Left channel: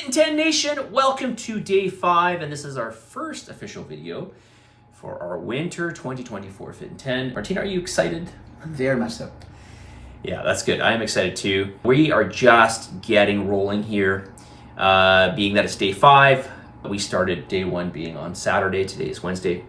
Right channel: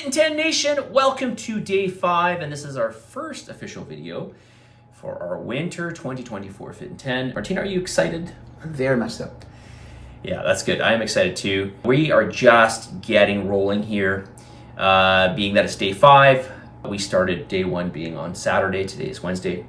Fitin10 Nation, welcome to day 5, and this is our first official video for our winter 2024 Fitin10. Martina, are you excited? Very much so. Yeah, that's good. I am excited too. We are just getting rolling here, being that it's day 5. We started day 1 being on Saturday. Today is Wednesday.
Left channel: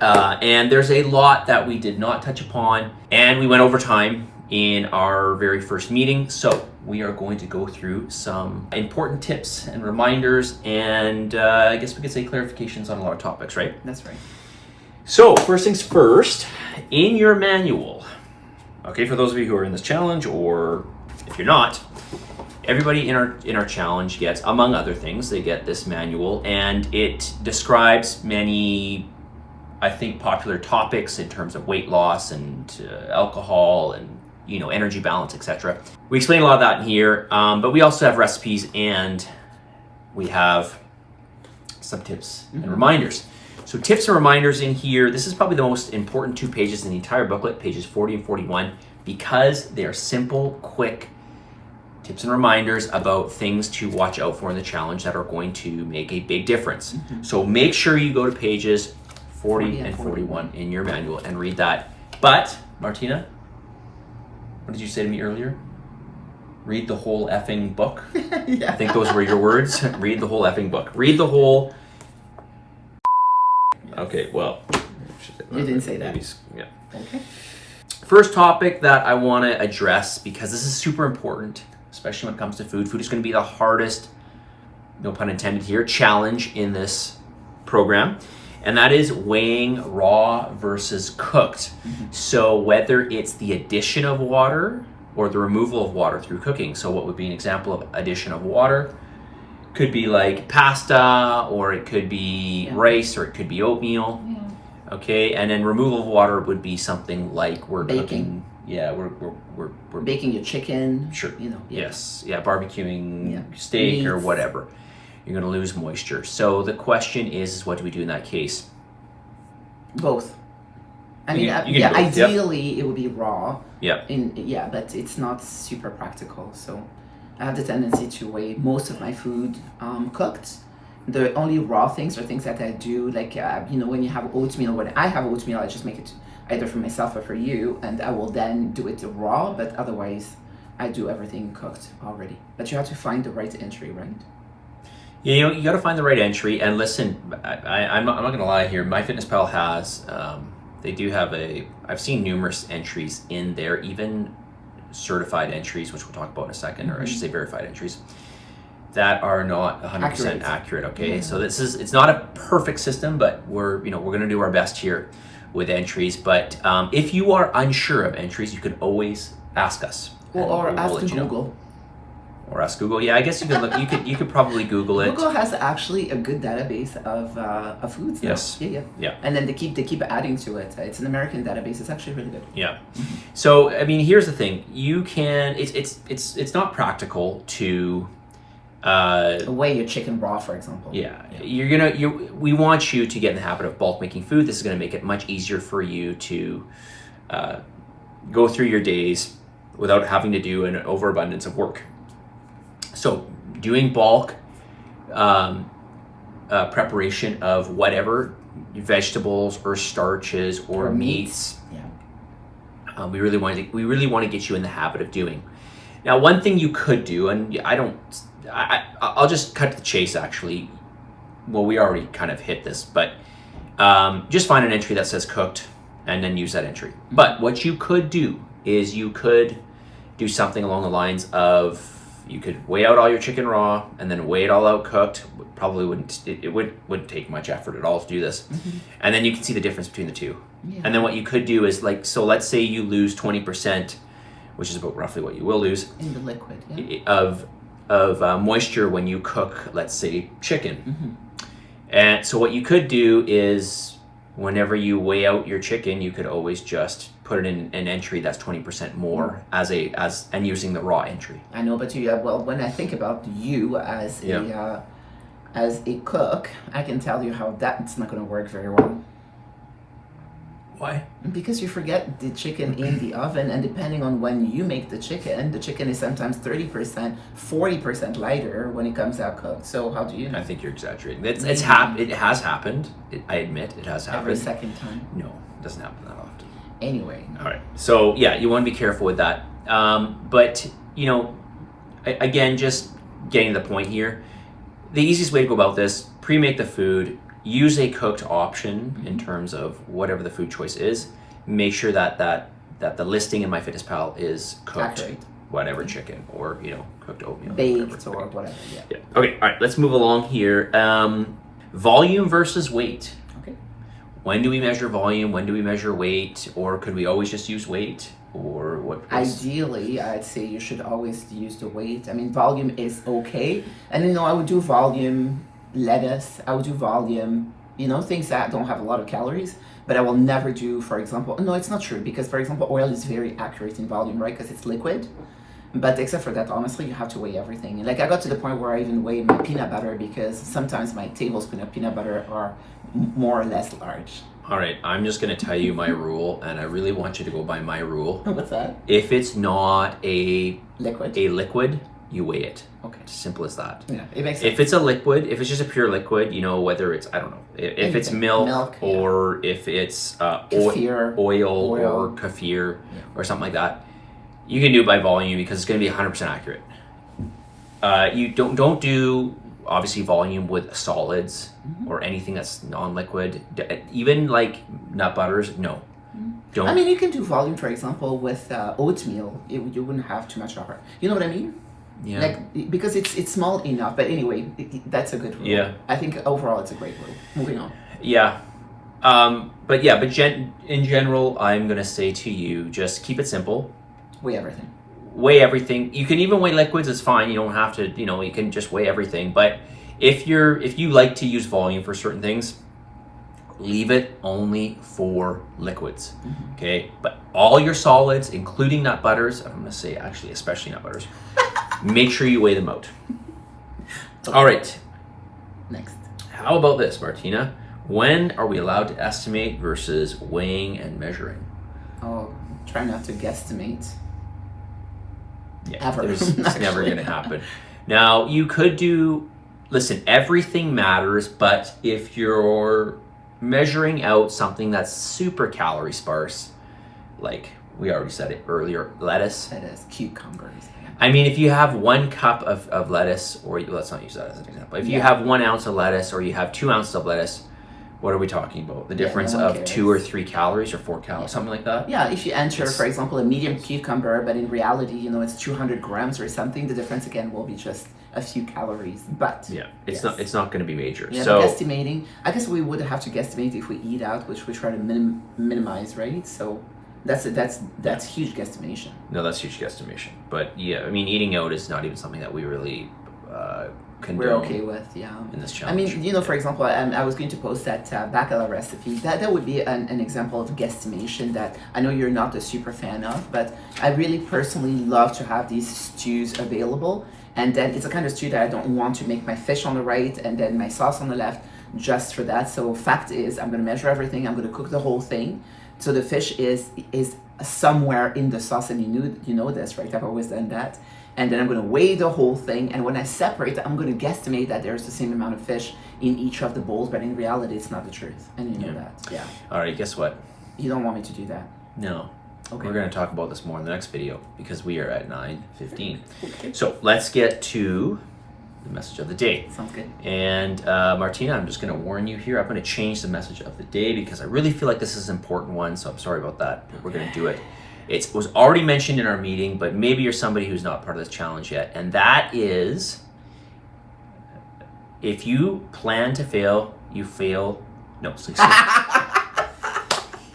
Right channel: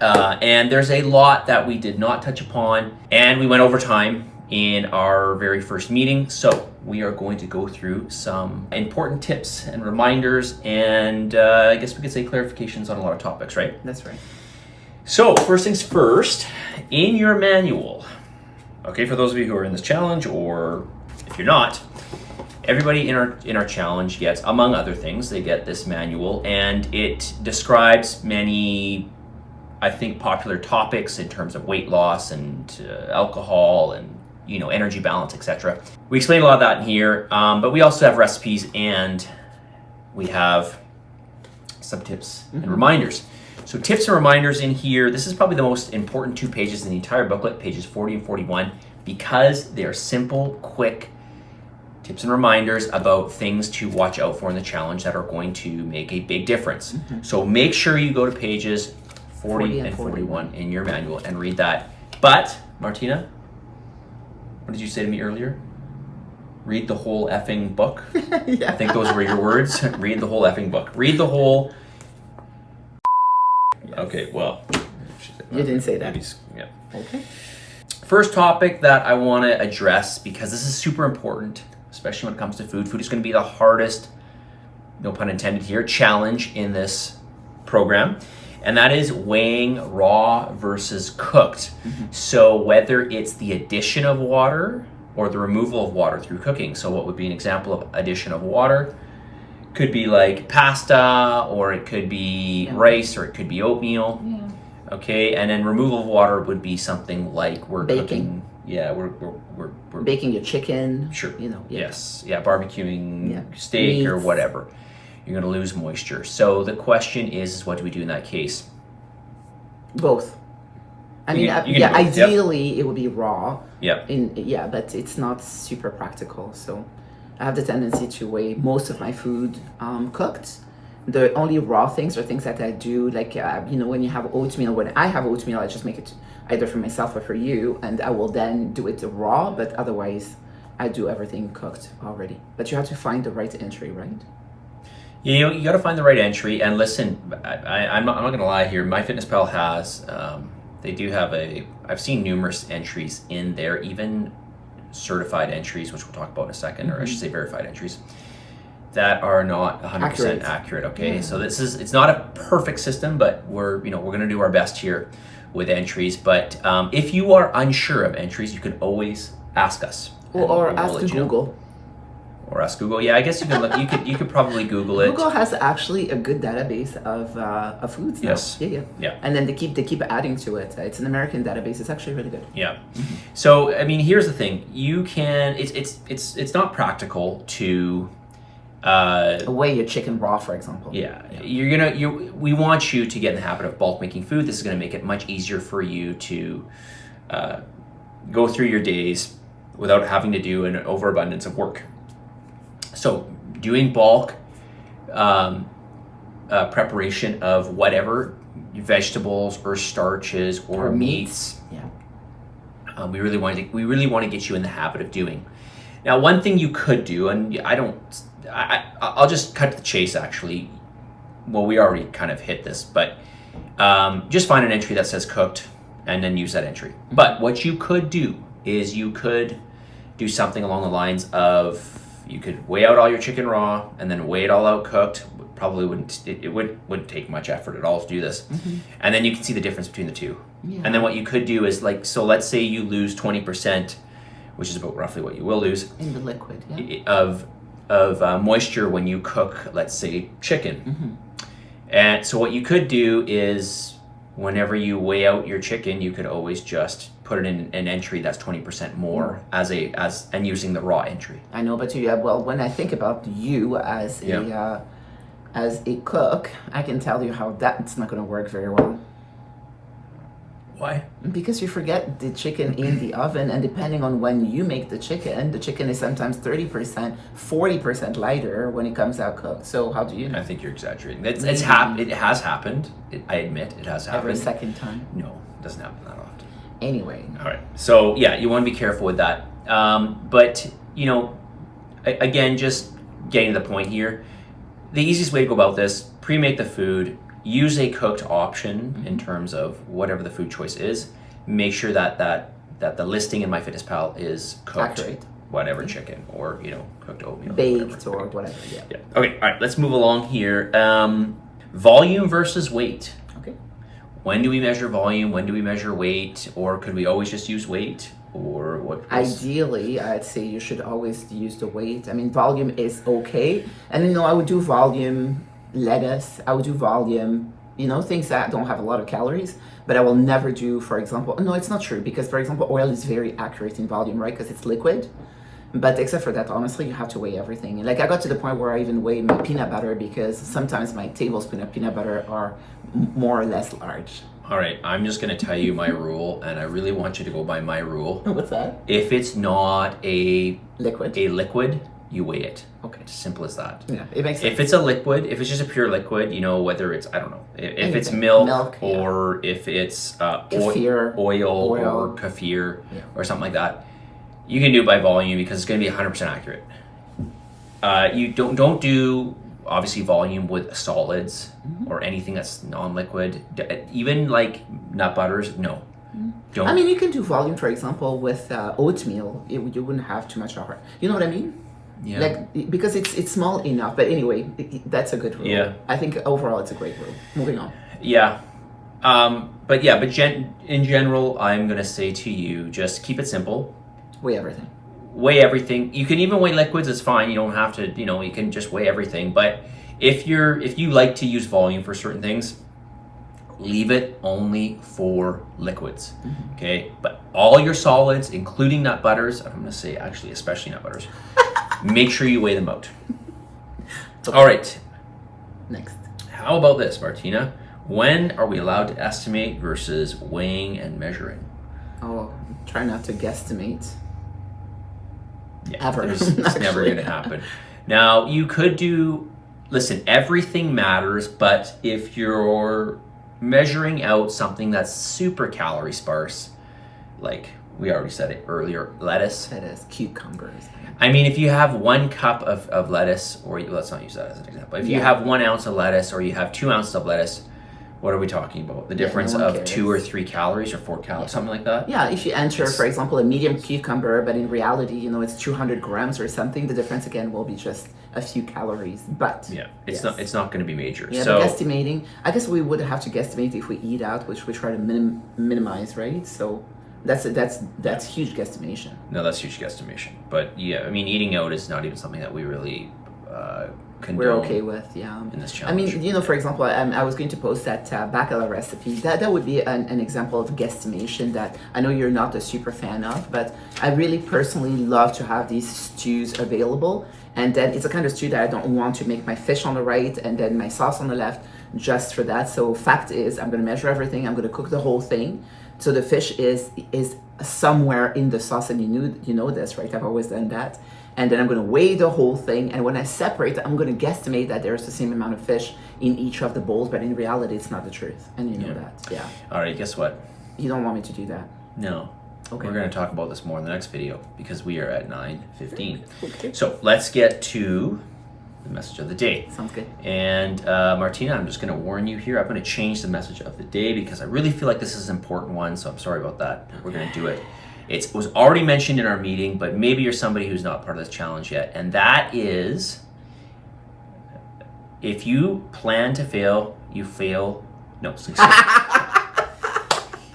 And there's a lot that we did not touch upon, and we went over time in our very first meeting. So we are going to go through some important tips and reminders, and I guess we could say clarifications on a lot of topics, right? That's right. So first things first, in your manual, okay, for those of you who are in this challenge, or if you're not, everybody in our challenge gets, among other things, they get this manual, and it describes many, I think, popular topics in terms of weight loss and alcohol and energy balance, etc. We explain a lot of that in here, but we also have recipes and we have some tips and reminders. So tips and reminders in here, this is probably the most important 2 pages in the entire booklet, pages 40 and 41, because they are simple, quick tips and reminders about things to watch out for in the challenge that are going to make a big difference. So make sure you go to pages 40 and 41 in your manual and read that. But, Martina, what did you say to me earlier? Read the whole effing book. Yeah. I think those were your words. Read the whole effing book. Read the whole. Okay, well. You didn't say that. Yeah. Okay. First topic that I want to address, because this is super important, especially when it comes to food. Food is going to be the hardest, no pun intended here, challenge in this program. And that is weighing raw versus cooked. So whether it's the addition of water or the removal of water through cooking. So what would be an example of addition of water? Could be like pasta, or it could be rice, or it could be oatmeal. Yeah. Okay, and then removal of water would be something like we're baking. Cooking. Yeah, we're baking your chicken. Sure. Yeah. Yes. Yeah, barbecuing steak meats, or whatever. You're going to lose moisture. So the question is what do we do in that case? Both. I mean, ideally it would be raw. Yep. But it's not super practical. So I have the tendency to weigh most of my food cooked. The only raw things are things that I do, like, when you have oatmeal. When I have oatmeal, I just make it either for myself or for you, and I will then do it raw, but otherwise I do everything cooked already. But you have to find the right entry, right? You got to find the right entry. And listen, I'm not going to lie here. MyFitnessPal has, they do have I've seen numerous entries in there, even certified entries, which we'll talk about in a second, or I should say verified entries, that are not 100% accurate. Okay, so it's not a perfect system, but we're going to do our best here with entries. But if you are unsure of entries, you can always ask us, or ask Google. Or ask Google. Yeah, I guess you could look. You could probably Google it. Google has actually a good database of foods now. Yes. Yeah. And then they keep adding to it. It's an American database. It's actually really good. Yeah. So I mean, here's the thing. You can. It's not practical to weigh your chicken raw, for example. Yeah. We want you to get in the habit of bulk making food. This is going to make it much easier for you to go through your days without having to do an overabundance of work. So doing bulk preparation of whatever vegetables or starches or meats, we really want to get you in the habit of doing. Now, one thing you could do, and I'll just cut to the chase. Actually, well, we already kind of hit this, but just find an entry that says cooked and then use that entry. But what you could do is you could do something along the lines of, you could weigh out all your chicken raw and then weigh it all out cooked. Probably wouldn't take much effort at all to do this. And then you can see the difference between the two. Yeah. And then what you could do is, so let's say you lose 20%, which is about roughly what you will lose in the liquid of moisture when you cook, let's say, chicken. And so what you could do is, whenever you weigh out your chicken, you could always just put it in an entry that's 20% more and using the raw entry. I know, but when I think about you as a cook, I can tell you how that's not going to work very well. Why? Because you forget the chicken in the oven, and depending on when you make the chicken is sometimes 30%, 40% lighter when it comes out cooked. So how do you know? I think you're exaggerating. It has happened. I admit it has happened. Every second time. No, it doesn't happen that often. Anyway. All right. So yeah, you want to be careful with that. But you know, again, just getting to the point here. The easiest way to go about this: pre-make the food. Use a cooked option in terms of whatever the food choice is. Make sure that the listing in MyFitnessPal is cooked, Accurate. Whatever chicken, or cooked oatmeal, Baked or whatever. Yeah. Okay. All right. Let's move along here. Volume versus weight. Okay. When do we measure volume? When do we measure weight? Or could we always just use weight? Or what? Ideally, I'd say you should always use the weight. I mean, volume is okay, and I would do volume. Lettuce, I would do volume, things that don't have a lot of calories, but I will never do, for example, no, it's not true, because for example, oil is very accurate in volume, right? Because it's liquid. But except for that, honestly, you have to weigh everything. Like I got to the point where I even weigh my peanut butter, because sometimes my tablespoon of peanut butter are more or less large. All right, I'm just going to tell you my rule, and I really want you to go by my rule. What's that? If it's not a liquid, you weigh it. Okay. It's simple as that. Yeah, it makes sense. If it's a liquid, if it's just a pure liquid, whether it's, I don't know, if it's milk or if it's Kefir, oil or kefir or something like that, you can do it by volume because it's going to be 100% accurate. You don't do, obviously, volume with solids or anything that's non-liquid. Even like nut butters, no. Don't. I mean, you can do volume, for example, with oatmeal. You wouldn't have too much of it. You know what I mean? Yeah. Like, because it's small enough. But anyway, that's a good rule. Yeah. I think overall it's a great rule. Moving on. Yeah. But in general, I'm going to say to you, just keep it simple. Weigh everything. Weigh everything. You can even weigh liquids. It's fine. You don't have to, you can just weigh everything. But if you like to use volume for certain things, leave it only for liquids. Okay? But all your solids, including nut butters, I'm going to say actually especially nut butters, make sure you weigh them out. Okay. All right. Next. How about this, Martina? When are we allowed to estimate versus weighing and measuring? Oh, try not to guesstimate. Yeah, Ever. it's never going to happen. Now, you could listen, everything matters, but if you're measuring out something that's super calorie sparse, like we already said it earlier, lettuce. Cucumbers. I mean, if you have 1 cup of lettuce, or let's not use that as an example. If you have 1 ounce of lettuce or you have 2 ounces of lettuce, what are we talking about? The difference of 2 or 3 calories or 4 calories, something like that? Yeah, if you enter, for example, a medium cucumber, but in reality, it's 200 grams or something, the difference again will be just a few calories. But yeah, it's not going to be major. Yeah, so guesstimating, I guess we would have to guesstimate if we eat out, which we try to minimize, right? So that's huge guesstimation. No, that's huge guesstimation. But yeah, I mean, eating out is not even something that we really condone. We're okay with, yeah. In this challenge. I mean, for example, I was going to post that bacala recipe. That would be an example of guesstimation that I know you're not a super fan of, but I really personally love to have these stews available. And then it's a kind of stew that I don't want to make my fish on the right and then my sauce on the left just for that. So fact is, I'm going to measure everything. I'm going to cook the whole thing. So the fish is somewhere in the sauce, and you know this, right? I've always done that. And then I'm going to weigh the whole thing. And when I separate, I'm going to guesstimate that there's the same amount of fish in each of the bowls. But in reality, it's not the truth. And you know that. Yeah. All right, guess what? You don't want me to do that. No. Okay. We're going to talk about this more in the next video because we are at 9:15. Okay. So let's get to the message of the day. Sounds good. And Martina, I'm just going to warn you here. I'm going to change the message of the day because I really feel like this is an important one. So I'm sorry about that, but we're going to do it. It was already mentioned in our meeting, but maybe you're somebody who's not part of this challenge yet. And that is, if you plan to fail, you fail. No, excuse me.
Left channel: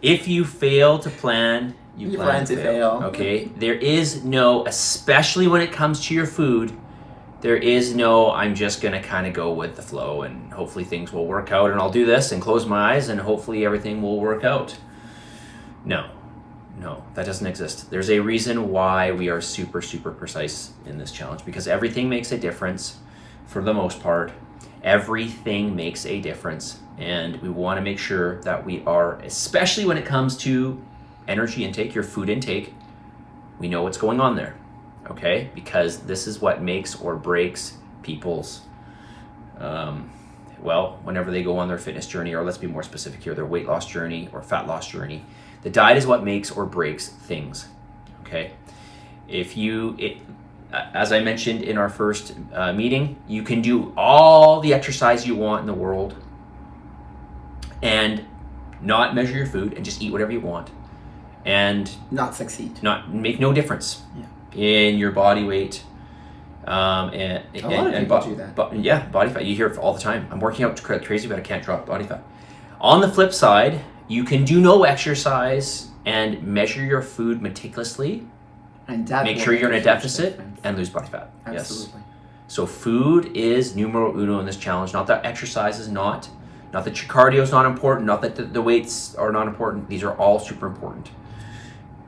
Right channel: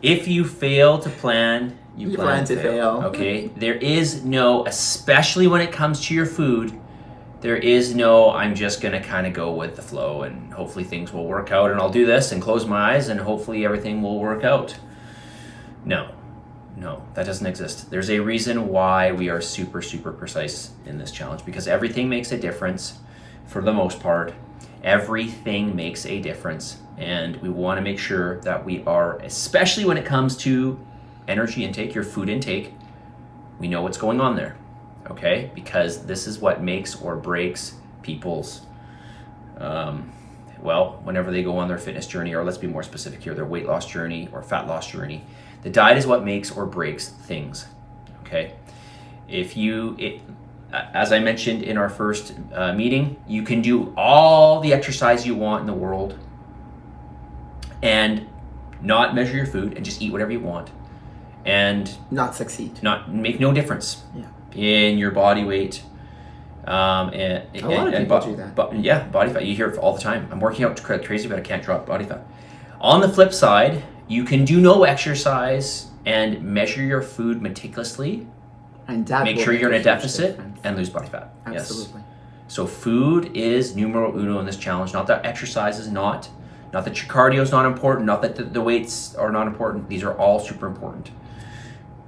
If you fail to plan, you plan to fail. Okay? There is no, especially when it comes to your food, there is no, I'm just going to kind of go with the flow and hopefully things will work out and I'll do this and close my eyes and hopefully everything will work out. No, that doesn't exist. There's a reason why we are super, super precise in this challenge because everything makes a difference for the most part. Everything makes a difference, and we want to make sure that we are, especially when it comes to energy intake, your food intake, we know what's going on there, okay? Because this is what makes or breaks people's, whenever they go on their fitness journey, or let's be more specific here, their weight loss journey or fat loss journey. The diet is what makes or breaks things, okay? As I mentioned in our first meeting, you can do all the exercise you want in the world and not measure your food and just eat whatever you want and not succeed, not make no difference in your body weight. A lot of people do that. Body fat. You hear it all the time. I'm working out crazy, but I can't drop body fat. On the flip side, you can do no exercise and measure your food meticulously. And that make sure you're in a deficit and lose body fat. Absolutely. Yes. So food is numero uno in this challenge. Not that exercise is not that your cardio is not important, not that the weights are not important. These are all super important.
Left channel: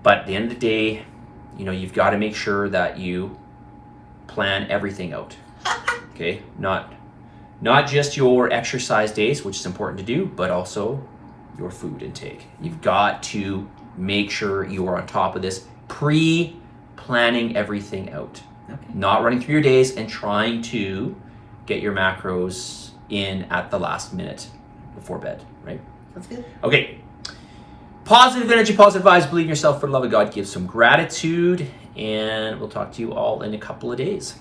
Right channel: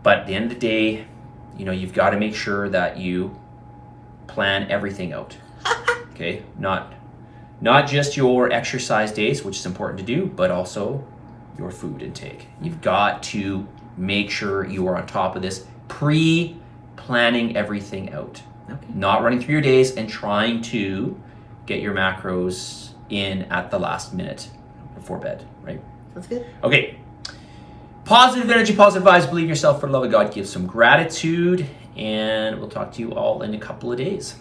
But at the end of the day, you've got to make sure that you plan everything out. Okay? Not just your exercise days, which is important to do, but also your food intake. You've got to make sure you are on top of this planning everything out. Okay. Not running through your days and trying to get your macros in at the last minute before bed, right? That's good. Okay. Positive energy, positive vibes, believe in yourself, for the love of God, give some gratitude, and we'll talk to you all in a couple of days.